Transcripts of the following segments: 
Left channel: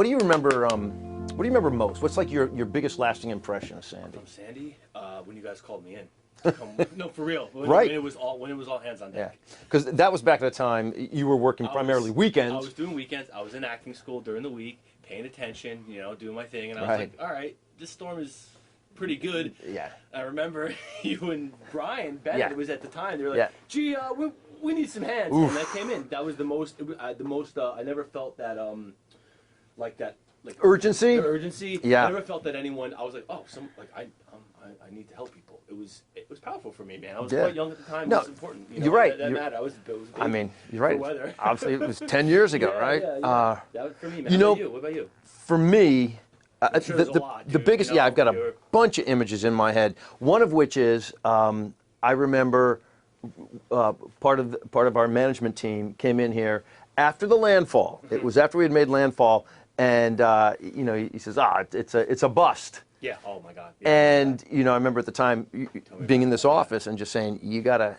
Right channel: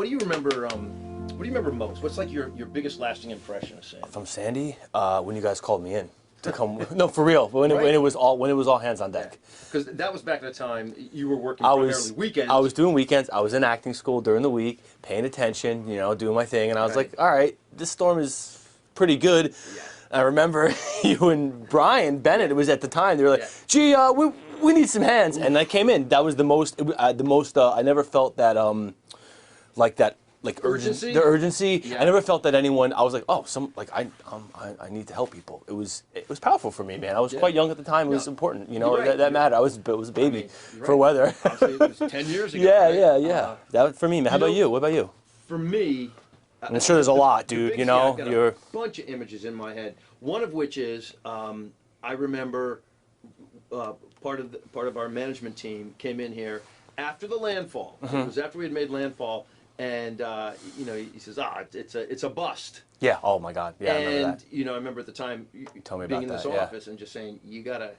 What do you remember? What do you remember most? What's like your biggest lasting impression of Sandy? From Sandy, when you guys called me in to come. No, for real. When it was all hands on deck. Because that was back at the time you were working primarily weekends. I was doing weekends. I was in acting school during the week, paying attention, you know, doing my thing, and I was like, all right, this storm is pretty good. Yeah. I remember you and Brian Bennett. It was at the time. They were like, gee, we need some hands, and I came in. That was the most. I never felt that like urgency. The urgency. Yeah. I never felt that anyone. I was like, oh, I need to help people. It was powerful for me, man. I was quite young at the time. It was important. You know, that mattered. I was a baby. I mean, for weather. Obviously, it was 10 years ago. Yeah. That was for me, man. How about you? What about you? For me, I'm sure there's a lot, dude. The biggest, you know, I've got a bunch of images in my head. One of which is I remember part of our management team came in here after the landfall. It was after we had made landfall. And you know, he says, it's a bust. Yeah. Oh my God. Yeah, and you know, I remember at the time being in this office and just saying, you gotta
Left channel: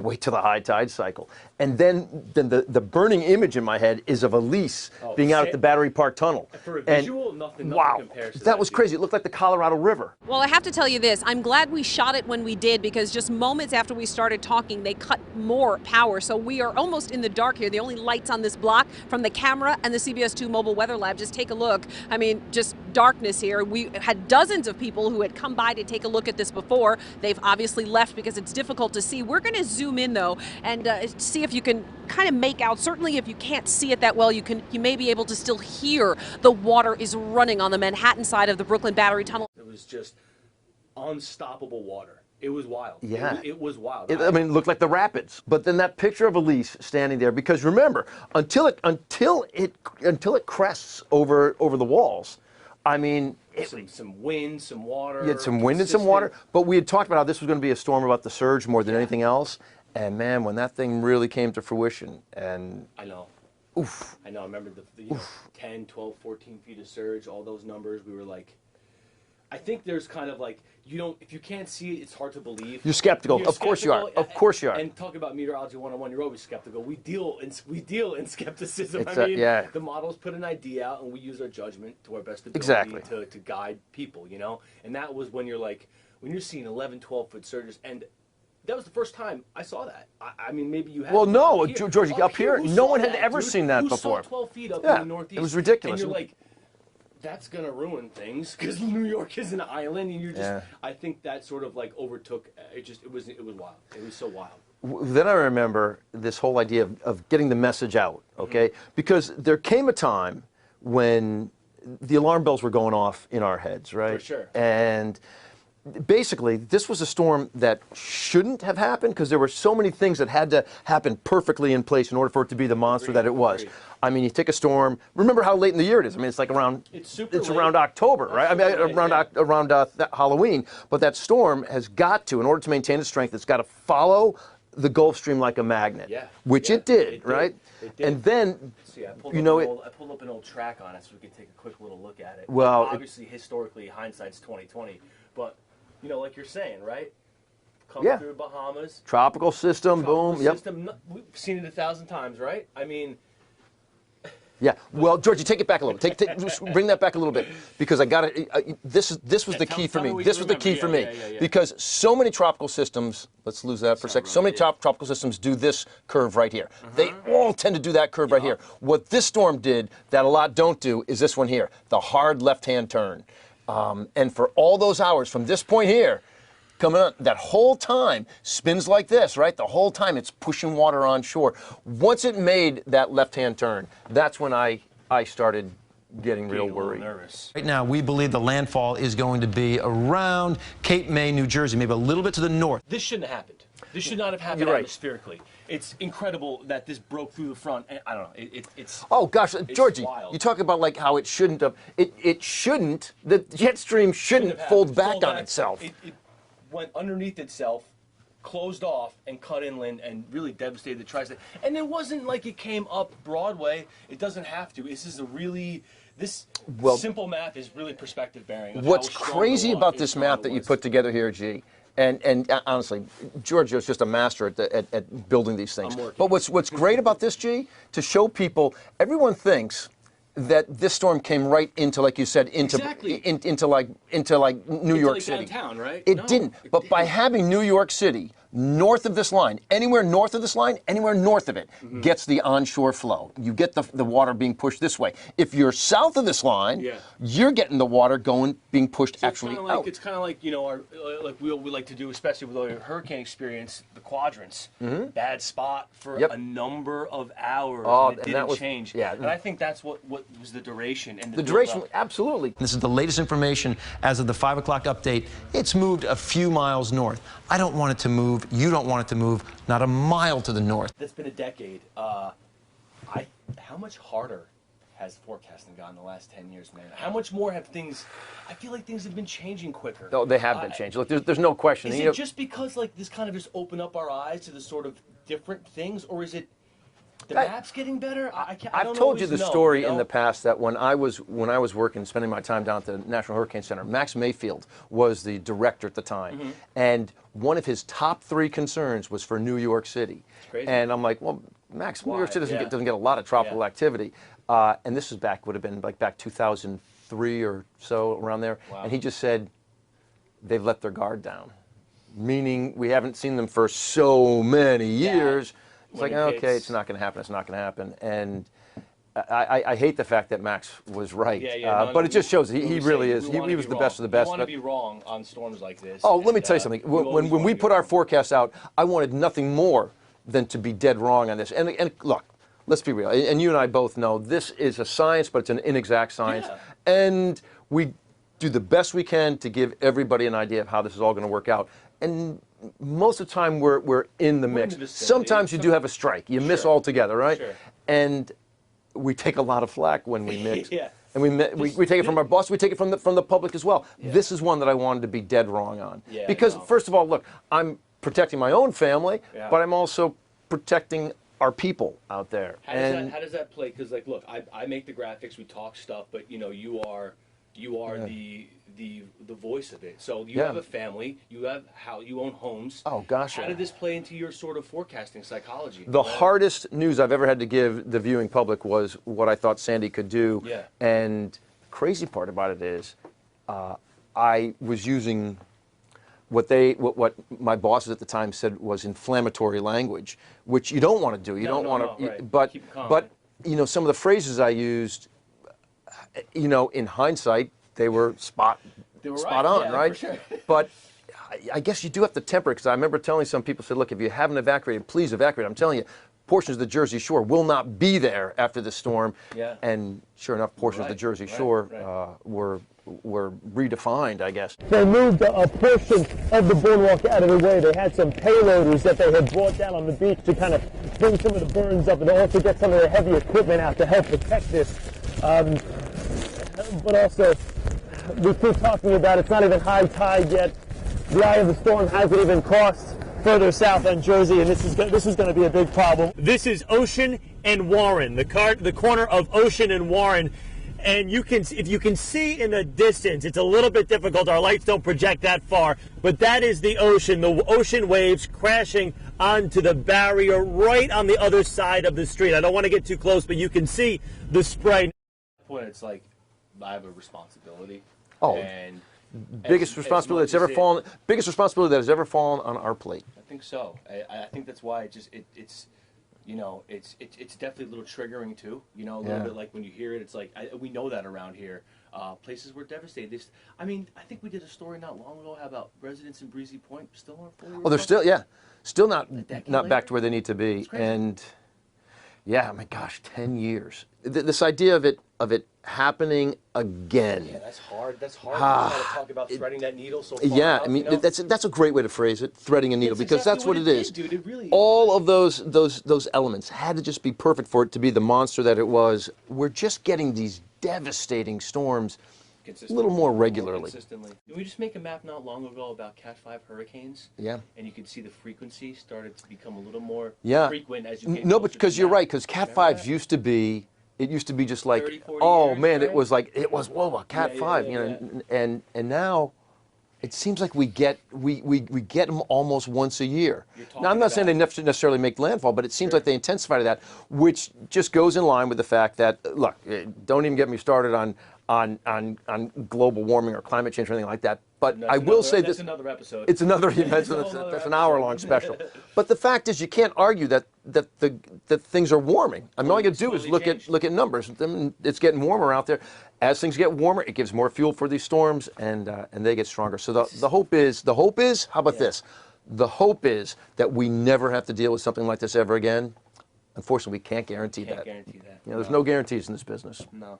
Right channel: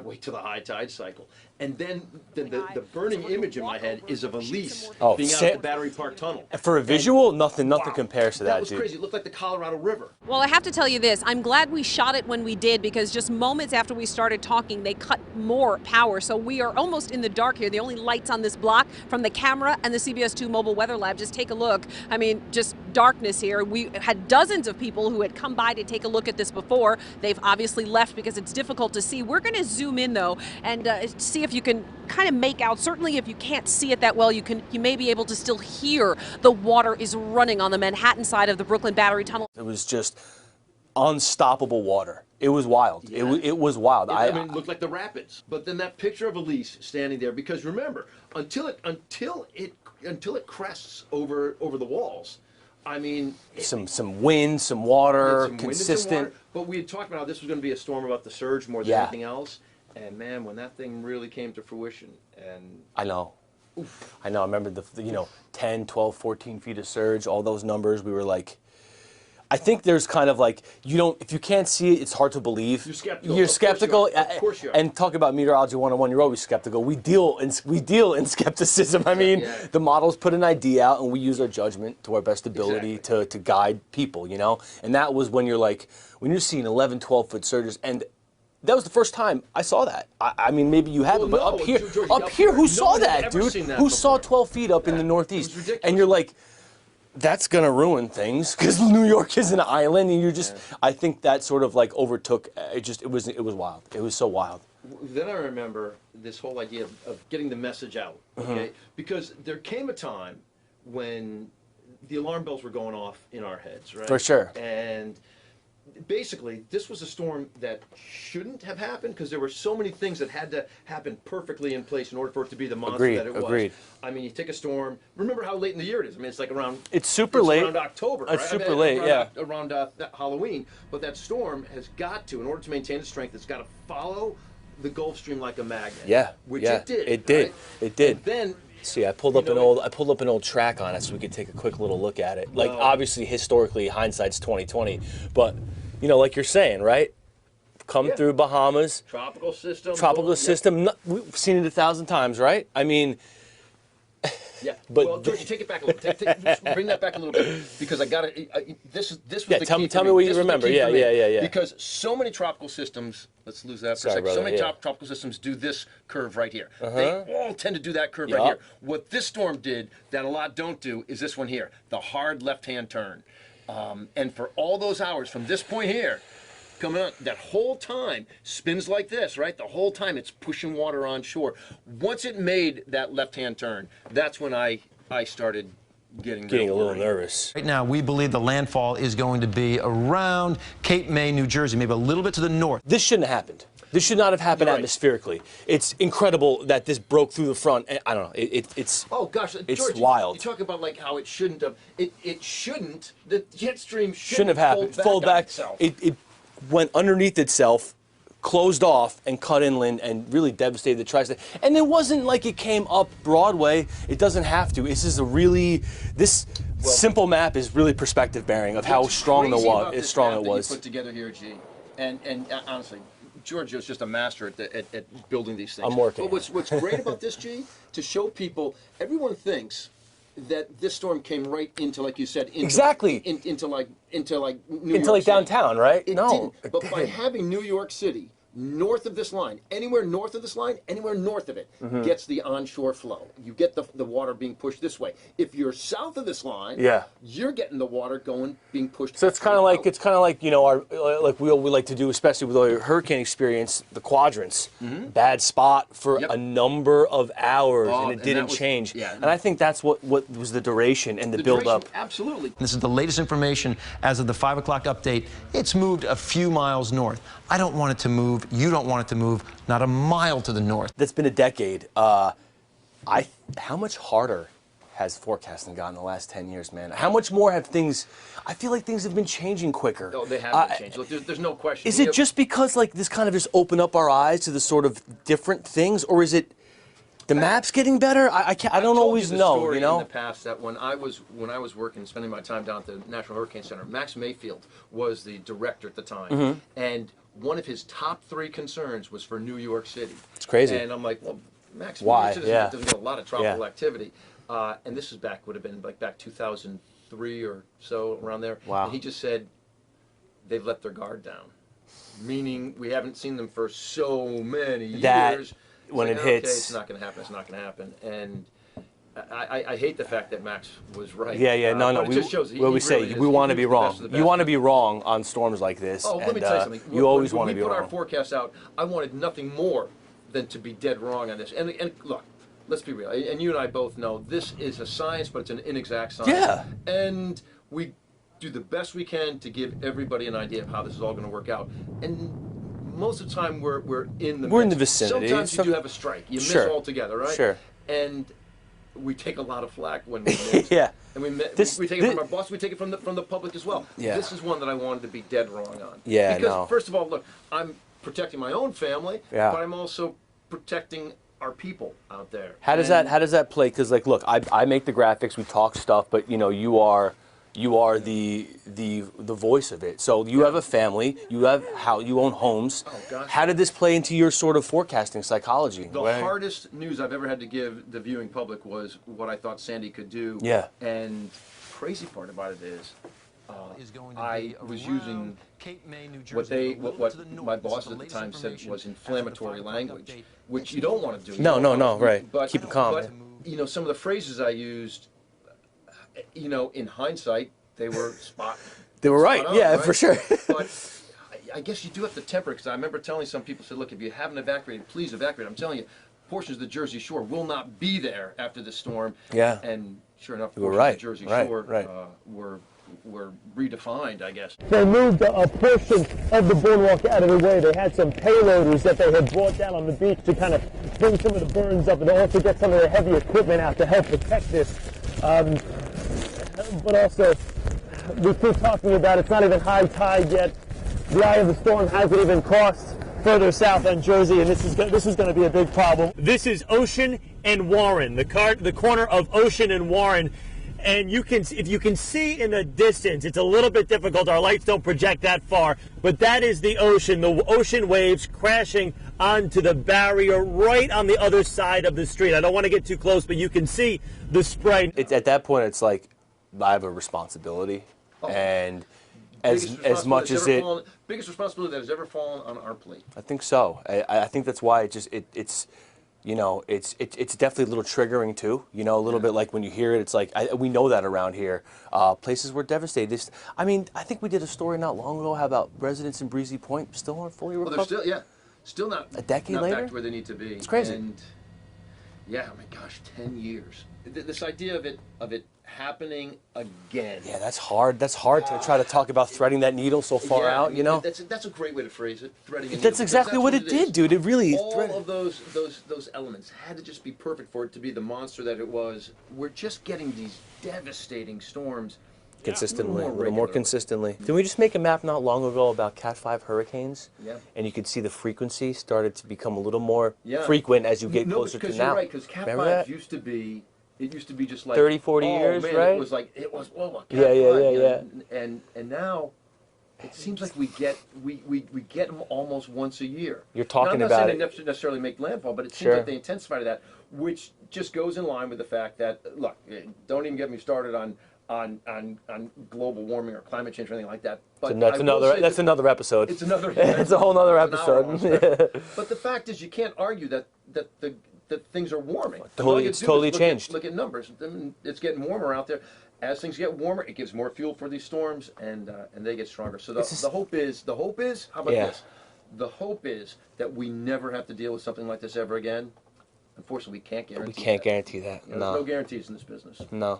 wait till the high tide cycle. And then the burning image in my head is of Elise being out at the Battery Park Tunnel. For a visual, nothing compares to that. That was crazy. It looked like the Colorado River. Well, I have to tell you this. I'm glad we shot it when we did, because just moments after we started talking, they cut more power. So we are almost in the dark here. The only lights on this block from the camera and the CBS2 mobile weather lab. Just take a look. I mean, just darkness here. We had dozens of people who had come by to take a look at this before. They've obviously left because it's difficult to see. We're going to zoom in though and see if you can kind of make out. Certainly if you can't see it that well, you may be able to still hear the water is running on the Manhattan side of the Brooklyn Battery Tunnel. It was just unstoppable water. It was wild. Yeah. It was wild. I mean, it looked like the rapids. But then that picture of Elise standing there, because remember, until it crests over the walls, I mean, some wind, some water. Some wind and some water. But we had talked about how this was going to be a storm about the surge more than anything else. And man, when that thing really came to fruition, and I know. Oof. I know. I remember the 10, 12, 14 feet of surge, all those numbers. We were like, I think there's kind of like, if you can't see it, it's hard to believe. You're skeptical. You're skeptical. Of course you are. And talk about meteorology 101, you're always skeptical. We deal in skepticism. I mean, the models put an idea out, and we use our judgment to our best ability to guide people, you know? And that was when you're like, when you're seeing 11, 12-foot surges, and that was the first time I saw that. I mean, maybe you haven't. Well, no, George, up here, who saw that, ever dude? seen that Who before? saw 12 feet up in the Northeast? It was ridiculous. And you're like, that's gonna ruin things because New York is an island, and you're just. I think that sort of like overtook. It was wild. It was so wild. Then I remember this whole idea of getting the message out. Okay, because there came a time when the alarm bells were going off in our heads, right? For sure. And basically, this was a storm that shouldn't have happened because there were so many things that had to happen perfectly in place in order for it to be the monster that it was. Agreed. I mean, you take a storm. Remember how late in the year it is. I mean, it's like around. It's super late. Around October, right? Super late, around Halloween. But that storm has got to, in order to maintain its strength, it's got to follow the Gulf Stream like a magnet. Yeah. Which it did. It did. Right? It did. And then, see, I pulled up an old track on it so we could take a quick little look at it. Well, like, obviously, historically, hindsight's 20/20, but you know, like you're saying, right? Come through Bahamas. Tropical system. Tropical system. We've seen it 1,000 times, right? I mean. Yeah. Well, George, you take it back a little. Just bring that back a little bit, because I got it. This was the key for me. This was the key for me. Yeah. Because so many tropical systems. Let's lose that for a second. So many tropical systems do this curve right here. They all tend to do that curve right here. What this storm did that a lot don't do is this one here, the hard left-hand turn. And for all those hours from this point here, coming on, that whole time spins like this, right? The whole time it's pushing water on shore. Once it made that left-hand turn, that's when I started getting a little nervous. Right now, we believe the landfall is going to be around Cape May, New Jersey, maybe a little bit to the north. This shouldn't have happened. This should not have happened atmospherically. It's incredible that this broke through the front. I don't know. It's oh gosh, it's George, wild. You talk about like how it shouldn't have. It shouldn't. The jet stream shouldn't have fold back on itself. It went underneath itself, closed off, and cut inland, and really devastated the tri-state. And it wasn't like it came up Broadway. It doesn't have to. This is this simple map is really perspective bearing of how strong it was. What's crazy about this map that you put together here, G? And honestly, Giorgio's just a master at building these things. I'm working. But what's great about this, G, to show people, everyone thinks that this storm came right into, like you said, into into like New York City. Downtown, right? It didn't. But by having New York City north of this line, anywhere north of this line, anywhere north of it, gets the onshore flow. You get the water being pushed this way. If you're south of this line, you're getting the water being pushed. So it's kind of like you know, like we like to do, especially with all your hurricane experience, the quadrants. Bad spot for a number of hours, and it didn't change. And I think that's what was the duration and the build-up. Absolutely. This is the latest information as of the 5 o'clock update. It's moved a few miles north. I don't want it to move. You don't want it to move. Not a mile to the north. That's been a decade. How much harder has forecasting gotten in the last 10 years, man? How much more have things? I feel like things have been changing quicker. No, they have been changing. Look, there's no question. Is it just because like this kind of just opened up our eyes to the sort of different things, or is it the maps getting better? I don't always know. I've told you the story in the past that when I was working, spending my time down at the National Hurricane Center, Max Mayfield was the director at the time, and one of his top 3 concerns was for New York City. It's crazy. And I'm like, well, Max, New York City doesn't get a lot of tropical activity. And this was would have been back 2003 or so, around there. Wow. And he just said, they've let their guard down. Meaning we haven't seen them for so many years. When it hits, hits, it's not going to happen. It's not going to happen. And I hate the fact that Max was right. But it just shows he really is. We want to be wrong. You want to be wrong on storms like this. Oh, let me tell you something. When we put our forecast out, I wanted nothing more than to be dead wrong on this. And look, let's be real. And you and I both know this is a science, but it's an inexact science. Yeah. And we do the best we can to give everybody an idea of how this is all going to work out. And most of the time, we're in the mix. We're in the vicinity. Sometimes you do have a strike. You miss altogether, right? Sure. And we take a lot of flack when we miss. And we take it from our boss. We take it from the public as well. This is one that I wanted to be dead wrong on. Because first of all, look, I'm protecting my own family, but I'm also protecting our people out there. How does that play? Because like, look, I make the graphics. We talk stuff, but you know, you are the voice of it. So you have a family, you own homes. Oh gosh. How did this play into your sort of forecasting psychology? The hardest news I've ever had to give the viewing public was what I thought Sandy could do. And crazy part about it is, I was using what my bosses at the time said was inflammatory language, which you don't want to do. No, right. But keep it calm. But you know, some of the phrases I used, you know, in hindsight, they were spot right. On, yeah, right? for sure. But I guess you do have to temper it, because I remember telling some people, said, look, if you haven't evacuated, please evacuate. I'm telling you, portions of the Jersey Shore will not be there after the storm. And sure enough, portions of the Jersey Shore were redefined, I guess. They moved a portion of the boardwalk out of the way. They had some payloaders that they had brought down on the beach to kind of bring some of the burns up and also get some of the heavy equipment out to help protect this. But also, we keep talking about it's not even high tide yet. The eye of the storm hasn't even crossed further south on Jersey, and this is going to be a big problem. This is Ocean and Warren, the corner of Ocean and Warren. And if you can see in the distance, it's a little bit difficult. Our lights don't project that far, but that is the ocean waves crashing onto the barrier right on the other side of the street. I don't want to get too close, but you can see the spray. At that point, it's like, I have a responsibility. And biggest responsibility that has ever fallen on our plate. I think so. I think that's why it's you know, it's definitely a little triggering too. You know, a little bit like when you hear it, it's like we know that around here. Places were devastated. I mean, I think we did a story not long ago. How about residents in Breezy Point still aren't fully recovered? Oh, they're still not a decade not later? back to where they need to be. It's crazy. And yeah, my gosh, 10 years. This idea of it happening again. Yeah, that's hard. That's hard to try to talk about threading that needle so far out. I mean, you know? that's a great way to phrase it. Threading a needle. That's exactly what it did, dude. It really. All of those elements had to just be perfect for it to be the monster that it was. We're just getting these devastating storms. Consistently, a little more regularly. More consistently. Didn't we just make a map not long ago about Cat 5 hurricanes? Yeah. And you could see the frequency started to become a little more frequent as you get closer No, because you're right, because Cat 5 used to be just like 30, 40 years, oh man, right? it was whoa, Cat 5, you know, and now It seems like we get them almost once a year. You're talking now, I'm not about saying they necessarily make landfall, but it seems like they intensify to that, which just goes in line with the fact that, look, don't even get me started on global warming or climate change or anything like that. But I will say that's another episode. It's another. It's a whole other episode. An hour-long special. But the fact is, you can't argue that things are warming. I mean, all you do is look at numbers. It's getting warmer out there. As things get warmer, it gives more fuel for these storms, and they get stronger. So the hope is. How about this? The hope is that we never have to deal with something like this ever again. Unfortunately, we can't guarantee that. We can't guarantee that. There's no guarantees in this business. No.